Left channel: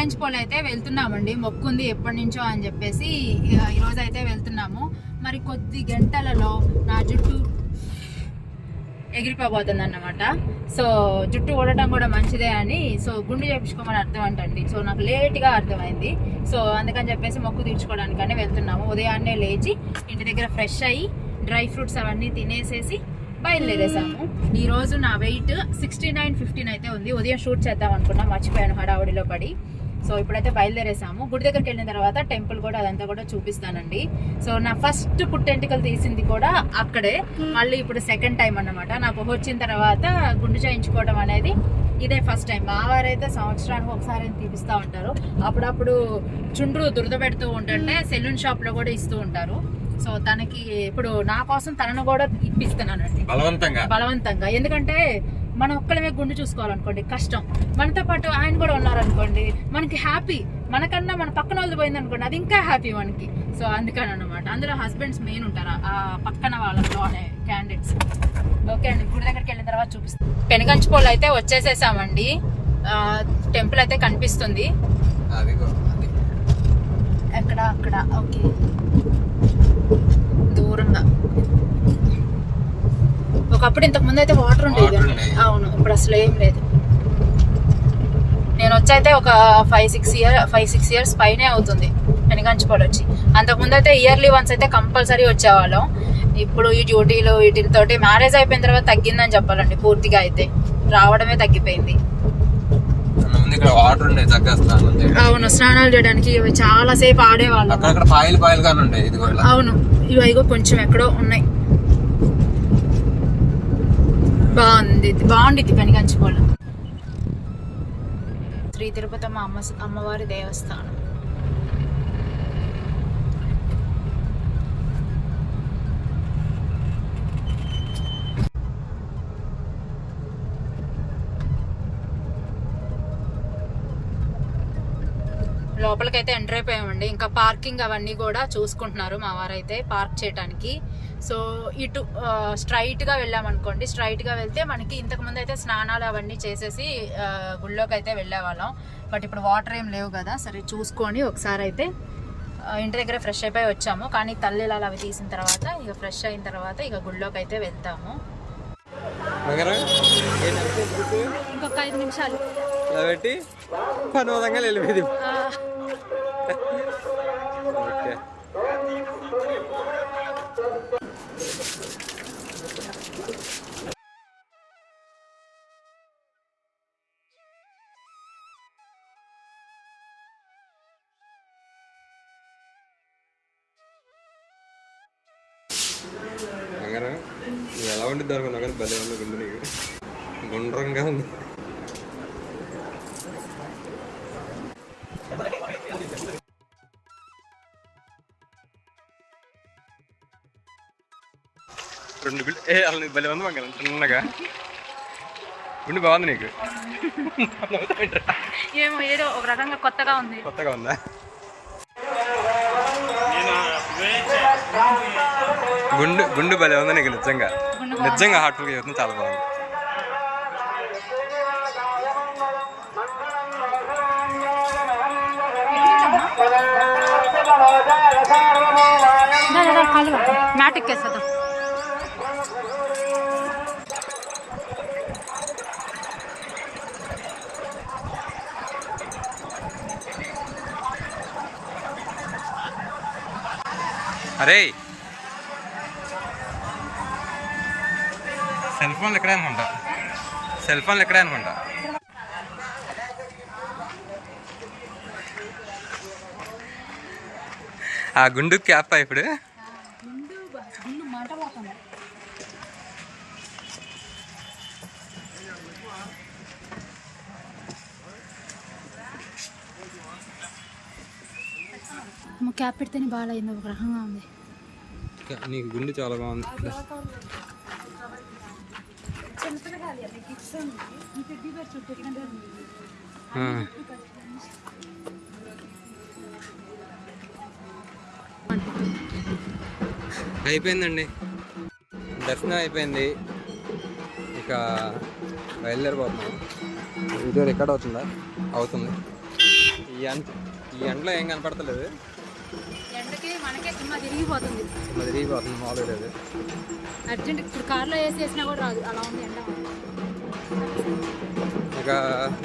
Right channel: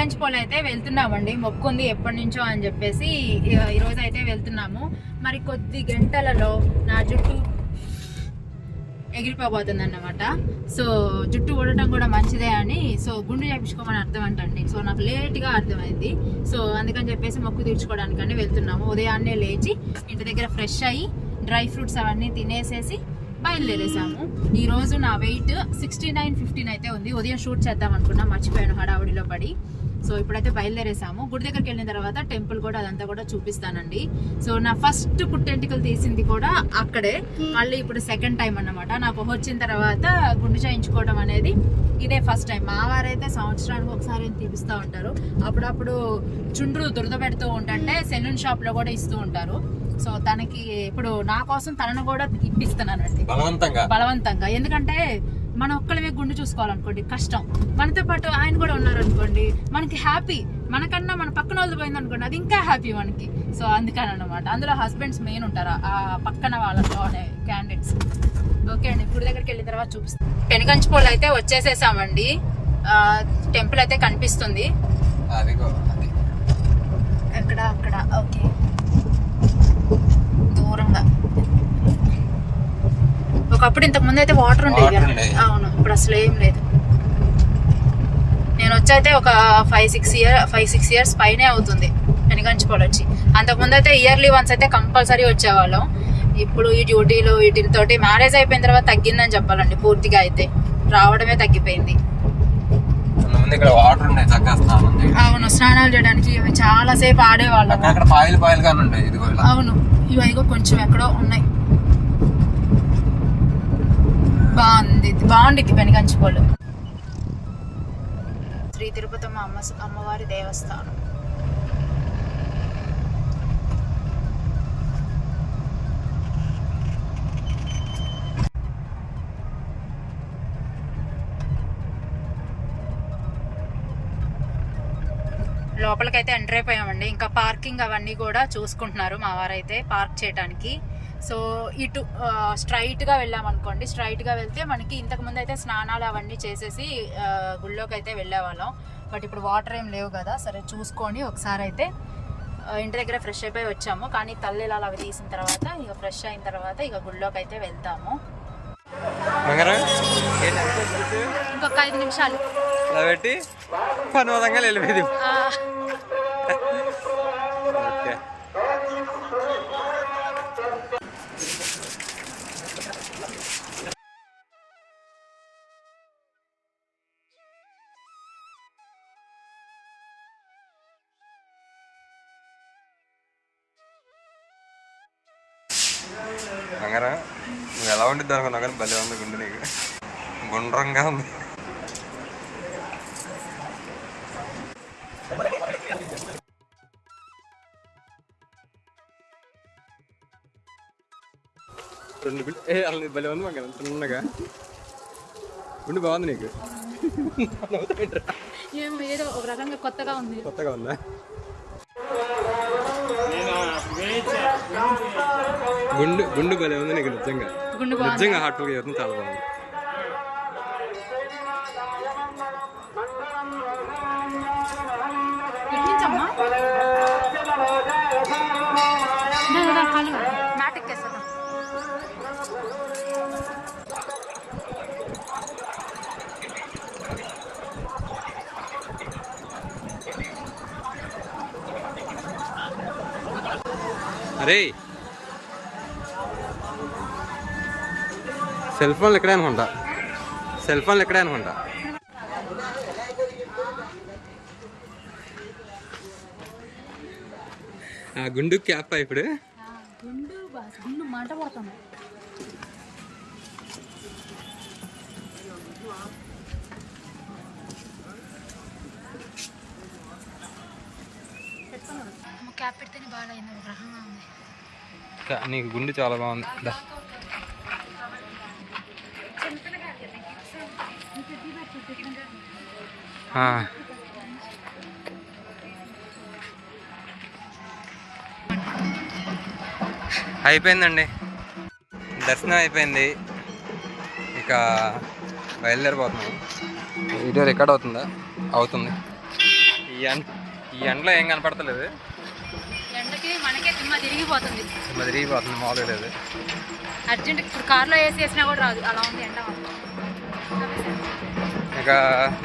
పెనుగంచిపోలు అయితే వెళ్తున్నామండి. మొక్కుంది ఎప్పటి నుంచో అని చెప్పేసి ఈరోజు అయితే వెళ్తున్నాము. మరి కొద్ది గంటలలో నా జుట్టు ఎగిరిపోబోతుంది అన్నమాట. సో జుట్టు ఊడటం కూడా మంచిదే అని సో గుండు చేయించుకోమని అర్థం అంటండి. సో నాకు లేట్గా అర్థమైంది. సో అందుకని చెప్పేసి మొక్కు తీర్చుకోవడానికని వెళ్తున్నాము. ఉదయాన్నే లేచి ఇంటి దగ్గర ఫ్రెష్ అయ్యి డ్రై ఫ్రూట్స్ అవన్నీ తినేసేసి బయలుదేరేసాము. ఈ రోజు నా వెయిట్ 69-15 అయితే ఉంది. ఉదయం షూట్ చేద్దాం అనుకున్నా, మర్చిపోయాను హడావుడిలో పడి. సో ఇప్పుడైతే బయలుదేరేసాము. గుడి దగ్గరికి వెళ్ళిన తర్వాత టెంపుల్ కూడా అదంతా కూడా చూపిస్తానండి. సో నా ఫస్ట్ పుట్టెంటికలు తీసింది కూడా అక్కడే. మళ్ళీ ఇప్పుడు సెకండ్ టైం అన్నమాట. నాకు వచ్చిన తర్వాత గుండు చేయించుకోవడం అనేది ఇదే ఫస్ట్ టైం. మా వారైతే సంవత్సరానికి ఒకసారి తీపిస్తూ ఉంటారు. అప్పుడప్పుడు చుండ్రు దురద పెడుతూ ఉంటుంటే సెలూన్ షాప్లో కూడా ఇస్తూ ఉంటారు. సో తనకి ఇప్పుడు నా కోసం తనను కూడా ఇప్పిస్తున్నానండి బలవంతంగా. ఎందుకంటే మనం ఒక్కళ్ళమే గుండు చూసుకోవాలనుకోండి కష్టం. మనతో పాటు ఆయన కూడా ఉన్నారనుకోండి మనకి హ్యాపీ. మనకన్నా మన పక్కన వాళ్ళు పోయింది అనుకోండి అది ఇంకా హ్యాపీ మనకి. సో అందుకని అన్నమాట. అందులో హస్బెండ్స్ మెయిన్ ఉంటారు ఆ పక్కన వాళ్ళతో అనే క్యాండిడేట్స్. ఓకే అండి, గుడి దగ్గరికి వెళ్ళిన తర్వాత చూపిస్తాం. పెనుగంచిపోలు అయితే వచ్చేసేసామండి. టెంపుల్ అయితే కనిపిస్తుంది ఎక్కడ అక్కడ. ఓకే, దూరంగా. ఒకప్పుడు ఇంతకు ముందు అయితే వాటర్ ఉండేది. అవును, ఇప్పుడు అసలు ఏం లేదు. నేను వచ్చైతే ఒక 5-6 ఇయర్స్ పైనే అవుతుంది పెనుగంచిపోలు వచ్చి. అంతకుముందు అయితే ఇయర్లీ వన్స్ అయితే కంపల్సరీ వచ్చేవాళ్ళం. ఇప్పుడు ఈ డ్యూటీలు వీటితోటి మ్యారేజ్ అయిపోయిన తర్వాత తగ్గిందని చెప్పాలండి. పూర్తిగా అయితే రావడమే తగ్గిపోయింది. అవును, స్నానాలు చేయడానికి చాలా సేపు ఆడేవాళ్ళం. అవును, ఇవిగో కొంచెం ఎక్కడో ఉన్నాయి. బాగుంది పెనుగంచిపోలు. శ్రీ తిరుపతమ్మ అమ్మవారి దేవస్థానం. లోపలికైతే ఎంటర్ అయిపోయామండి. ఇంకా పార్కింగ్ అవన్నీ కూడా చూసుకుంటున్నారు మా వారైతే పార్క్ చేయడానికి. సో ఇటు స్ట్రైట్గా వెళ్ళామనుకోండి. స్ట్రైట్గా వెళ్తే మనకి ఇంతకుముందు అయితే స్నానాలు అవన్నీ చేసేసి గుళ్ళోకి అయితే వెళ్ళేవాళ్ళం. బట్ ఇప్పుడు వాటర్ ఏం లేవు కదా. సరే చూసుకొని ఒకసారి అయితే ఇంటి దగ్గర ఫ్రెష్ అయిపోయి వచ్చాము. కానీ తల్లిలాలు అవి తీసిన తర్వాత ఇక ఫ్రెష్ అయిన తర్వాత ఇక గుళ్ళోకి అయితే వెళ్తాము. ఇంకొక 5 నిమిషాలు పెట్టి పనులంగా వెళ్ళిపోయింది. మంగరా నువ్వు ఎలా ఉండిద్ది అనుకున్నావు కానీ భలే ఉంది గుండె. నీకు గుండ్రంగా ఉంది. రెండు బిల్డ్ అలా భలే ఉంది మంగళ. చిన్నగా గుండె బాగుంది నీకు. ఏదో ఒక రకంగా కొత్తగా ఉందా? గుండు భలే ఉంది నీకు. నిజంగా హార్ట్ఫుల్గా చెప్తుంది. చాలా బాగుంది. మ్యాట్ ఎక్కేస్తా. అరే సెల్ ఫోన్లు ఇక్కడే అనుకుంటా. ఆ గుండు క్యాప్ ఇప్పుడు క్యాప్ పెడితేనే బాగా అయింది. ఒక రకంగా ఉంది. నీకు గుండు చాలా బాగుంది. అయిపోయిందండి, దర్శనం అయిపోయింది. ఇక బయలుదేరిపోతున్నాం. వీడియో రికార్డ్ అవుతుంది. ఈ ఎండలో ఏం కనపడతలేదు, ఎండకి మనకే తిమ్మ తిరిగిపోతుంది. తిరిగిపోతుంది, మామూలుగా లేదు. అర్జెంట్ ఇప్పుడు కార్లో వేసినా కూడా రాదు, అలా ఉంది ఎండ. ఇక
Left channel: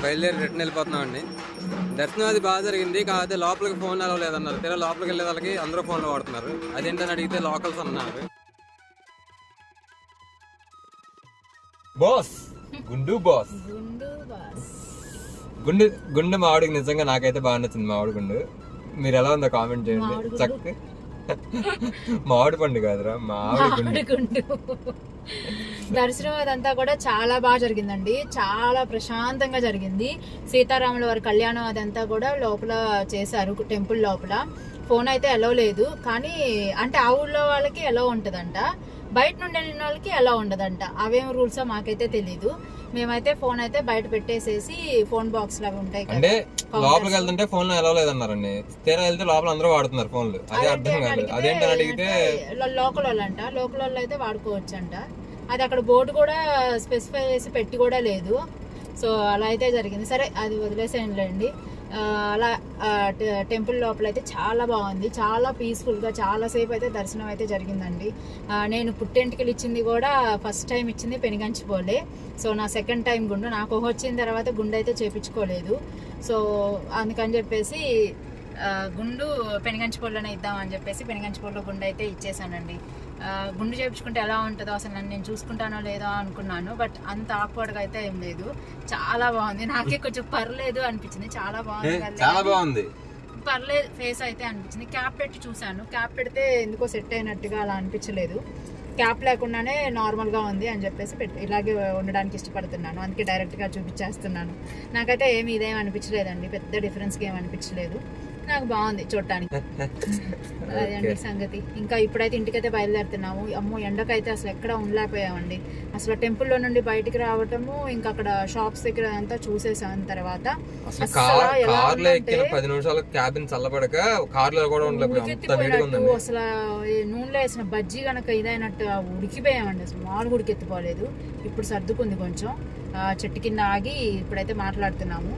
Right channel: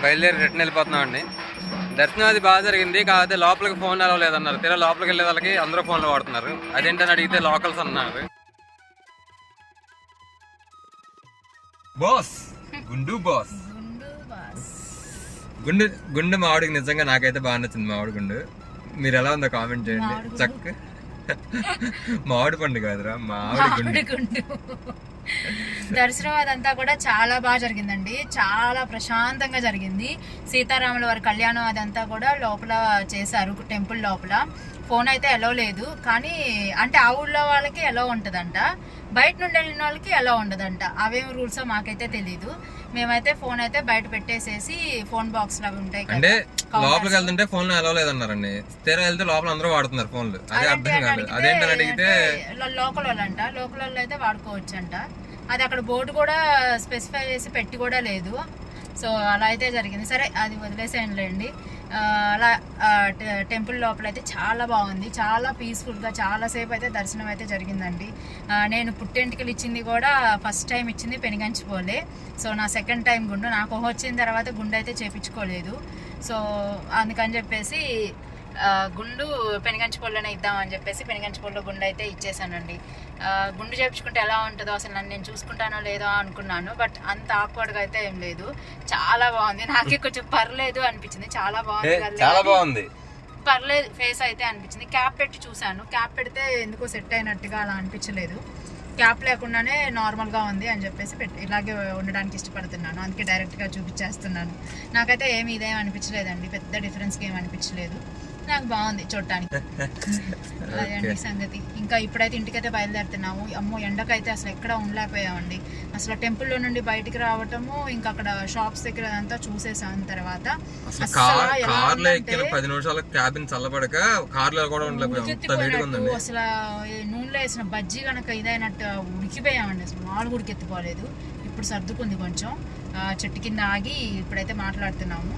బయలుదేరి రిటర్న్ వెళ్ళిపోతున్నామండి. దర్శనం అది బాగా జరిగింది, కాకపోతే లోపలికి ఫోన్ అలవ్ లేదన్నారు. తీరా లోపలికి వెళ్ళే వాళ్ళకి అందరూ ఫోన్లు వాడుతున్నారు. అదేంటని అడిగితే లోకల్స్ అన్నారు. బాస్ గుండు బాస్ గుండు మామిడికి నిజంగా నాకైతే బాగా నచ్చింది. మామిడి గుండు మీరు ఎలా ఉందో కామెంట్ చేయండి. చక్క మామిడి పండు కాదురా, మామిడి గుండు. దర్శనం అదంతా కూడా చాలా బాగా జరిగిందండి, చాలా ప్రశాంతంగా జరిగింది. సీతారాముల వారి కళ్యాణం అదంతా కూడా లోపల చేశారు, టెంపుల్ లోపల. ఫోన్ అయితే ఎలో లేదు, కానీ అంటే ఆ ఊళ్ళో వాళ్ళకి ఎలో ఉంటదంట, బయట నుండి వెళ్ళిన వాళ్ళకి ఎలా ఉండదంట. అవేం రూల్స్ మాకైతే తెలీదు. మేమైతే ఫోన్ అయితే బయట పెట్టేసేసి ఫోన్ బాక్స్ లో ఉంటాయి అంటే లోపలికి వెళ్తుంటే ఫోన్ ఎలా లేదన్నారండి. తీరా వెళ్తే లోపల అందరూ వాడుతున్నారు ఫోన్లు. అదే అర్థం కాలేదు. అదేంటని అడిగితే లోకల్ వాళ్ళంట, లోకల్ వాళ్ళు అయితే వాడుకోవచ్చు అంట. అది అక్కడ బోర్డు కూడా స్పెసిఫై చేసి పెట్టి కూడా లేదు. సో అలా అయితే జరిగింది. సరే అది వదిలేసేయండి. అలా టెంపుల్ లోపల అయితే చాలా బాగుంది, చాలా పీస్ఫుల్గా చాలా సేపు అయితే దర్శనం అయితే జరిగిందండి. నేను పుట్టెంటికలు ఇచ్చింది కూడా ఫస్ట్ టైం ఇచ్చింది పెనుగంచిపోలే. సో నా సెకండ్ టైం గుండు, నాకు వచ్చిన తర్వాత గుండు అయితే చేపించుకోలేదు. సో అందుకని చెప్పేసి గుండు పెనుగంచిపోలోనే ఇద్దామని చెప్పేసి పెనుగంచిపోలో గుండు అయితే ఇచ్చేసానండి. గుండు చేయించుకుంటే ఎలా ఉంటుందో అసలు నన్ను నేను చూసుకుంటానో లేదో అనుకున్నాను, బట్ అంత ఆక్వర్డ్గా అయితే ఏం లేదు. చాలా బాగుంది, నాకే కొంచెం పర్లేదు అనిపించింది. చాలా బాగుంది, పర్లేదు ఫేస్ అయితే అనిపించింది. క్యాప్ పెట్టి చూసాను, క్యాప్ పెడితే ఎందుకో సెట్ అయినట్టుగా అలా అనిపించలేదు. క్యాప్ లేకుండానే నార్మల్గా ఉంది అని చెప్పేసి ఇలాగే ఉండడానికి ఇష్టపడుతున్నాను, అందుకే డైరెక్ట్గా చూపించేస్తున్నాను. నాకైతే ఏమి ఇదేం అనిపించలేదండి, పెద్ద డిఫరెన్స్కి ఏమి అనిపించలేదు. నాకు బాగుంది చూడటానికి. అదండి సంగతి. ఇంకా ఇప్పుడైతే ఇంటికైతే బయలుదేరుతున్నాము. అమ్మో ఎండకైతే అసలు ఎక్కడ ఉండలేకపోయామండి. అసలు టెంపుల్లో నుండి బయటికి రావటము, ఇంకా అక్కడ షాప్స్ దగ్గర అంతా చూసేసాం. తర్వాత కార్లో ఎక్కిన 10 నిమిషాలు క్యాబిన్ చల్లబడక కార్లో కూడా ఉండలేకపోయాం. అసలు నూనెలో వేసిన బజ్జీ కనుక ఇదైనట్టు ఉడికిపోయామండి, అసలు మాలు ఉడికెత్తిపోలేదు. ఇప్పుడు సర్దుకుంది కొంచెం. చెట్టు కింద ఆగి ఇప్పుడైతే మాట్లాడుతున్నాము.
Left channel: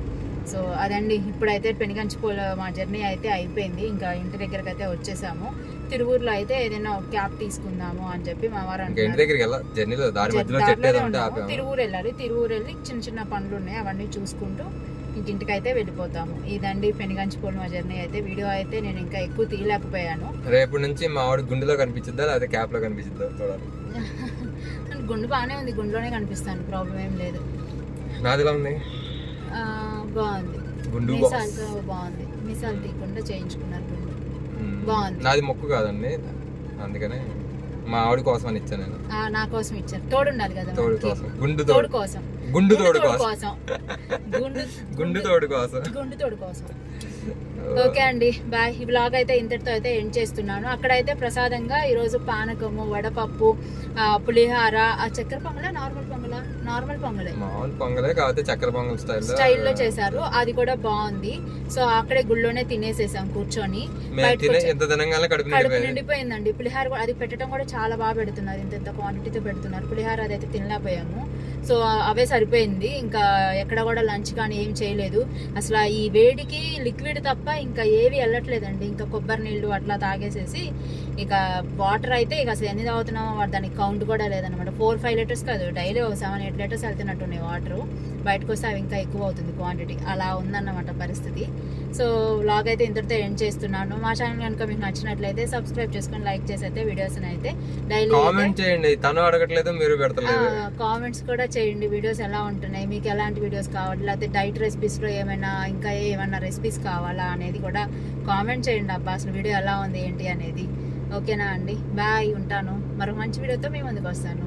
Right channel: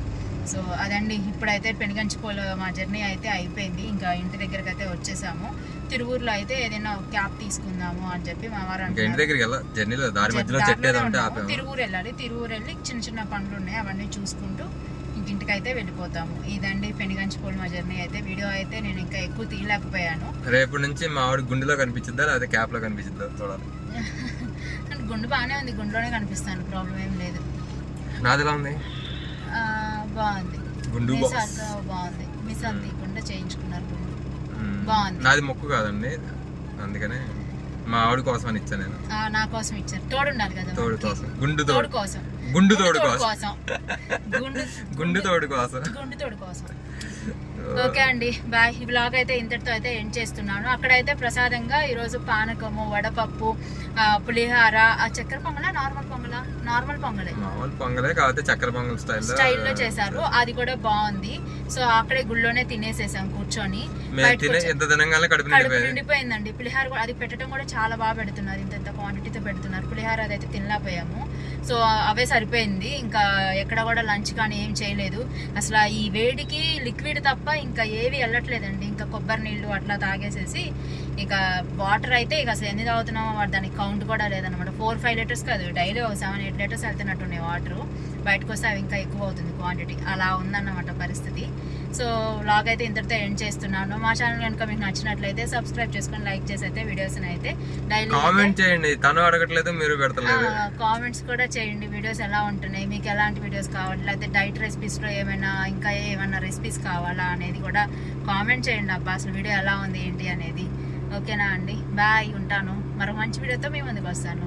సో అదండి, ఇప్పుడైతే పెనుగంచిపోల మా జర్నీ అయితే అయిపోయింది. ఇంకా ఇంటి దగ్గరికి అయితే వచ్చేసాము. తిరువూరులో అయితే ఏదైనా క్యాబ్ తీసుకుందాము అని చెప్పి మా వారు తిరువూరు వెళ్ళాలి. తిరువూరు వెళ్ళి చిన్న చిన్న పనులు ఉన్నాయి, అవన్నీ చూసుకుంటూ ఇంటికి అయితే వెళ్ళిపోతాము. ఇదండి పెనుగంచిపోల మా జర్నీ అయితే. వీడియో అయితే నేను ఇంకా ఎక్కువ తీయలేకపోయాను. రేపు నుంచి మా ఆవిడ గుండెలో కనిపించిద్దా లేదా క్యాప్ లో కనిపించిద్దా చూడాలి. గుండు బాగానే ఉంది, గుండెలోనే కనిపిస్తాను, ప్రాబ్లం ఏం లేదు. నాదిలా ఉంది, బాగుంది, బాగుంది. మిసాలు తీయకుండా చేయించుకున్నారు, బాగుంది. నాది మొక్కు కాదండి, అందుకనే మా ఆవిడ కోసం అని ఇచ్చాను నేను. నా కోసం ఇచ్చారు, తోడు ఉండాలి కదా, తోడు కోసం, గుండు తోడు కోసం, గుండు తోడు కోసం. ఓకే అండి, బాయ్. ఈ బ్లాగ్ అయితే ఇంతటితో అయితే ఎండ్ చేస్తున్నాను. అక్కడైతే ప్రసాదంగా ఈరోజు పానకము, వడపప్పు, పులిహార, చక్కెర పొంగలా, నార్మల్ పొంగలే కాకపోతే చక్కెర పొంగల్ స్టైల్లో చేశారు. అది కూడా బాగుంది. సో అక్కడే గుళ్ళోనే తినేసేసాం కూర్చొని. కడుపు నిండిపోయిందండి. పులిహార అది పెట్టడం కూడా చాలా బాగా పెడుతున్నారు, ఇంత క్వాంటిటీతో పెడుతున్నారు. పులిహార అదైతే తినలేకపోయాము. సో అవే సరిపోయింది. ఇంకా ఎక్కడ కూడా లంచ్ కానీ ఏం చేయలేదు. అసలు ఈ వేడికి లిక్విడ్ తప్ప ఇంకా ఏవి వెళ్ళట్లేదండి. ఇంకా కొబ్బరి నీళ్ళు అట్లా తాగేసేసి ఇక వాటర్ అయితే ఇక అసలు ఎన్ని తాగుతున్నామో దానికి కౌంట్ కూడా లేదనమాట. 4-5 లీటర్స్ కాదు, డైలీ 7-8 లీటర్స్ వెళ్తున్నట్టున్నాయి వాటర్. బయటకు వస్తే అవి ఇంకా ఎక్కువ అవుతుంది క్వాంటిటీ, అలా ఉందన్నమాట పరిస్థితి. సో వ్లాగ్ అయితే ఇంతటితో ఎండ్ చేస్తున్నాను. మా ఛానల్ కనుక మీకు నచ్చినట్లయితే సబ్స్క్రైబ్ చేసుకొని లైక్ చేసి అయితే వీడియోస్ అయితే డైలీ కామెంట్ చేయండి. తను అడగట్లేదు, మీరు పెడతలేదు. కామెంట్స్ కూడా చేయండి, వీడియోస్ ఎలా ఉంటున్నాయి, మీకు ఎలాంటి వీడియోస్ కావాలి, లేకపోతే డైట్ రెసిపీస్లో ఇంకా ఏమైనా రెసిపీస్ కావాలా అనేది కూడా కామెంట్ చేయండి. అబ్బా అసలు వీడియో ఎలా ఉంది ఏంటి అనేది. ఓకేనా అండి, బాయ్, ఉంటాను. మరో మంచి వీడియోతో మీ ముందుకు వస్తాను.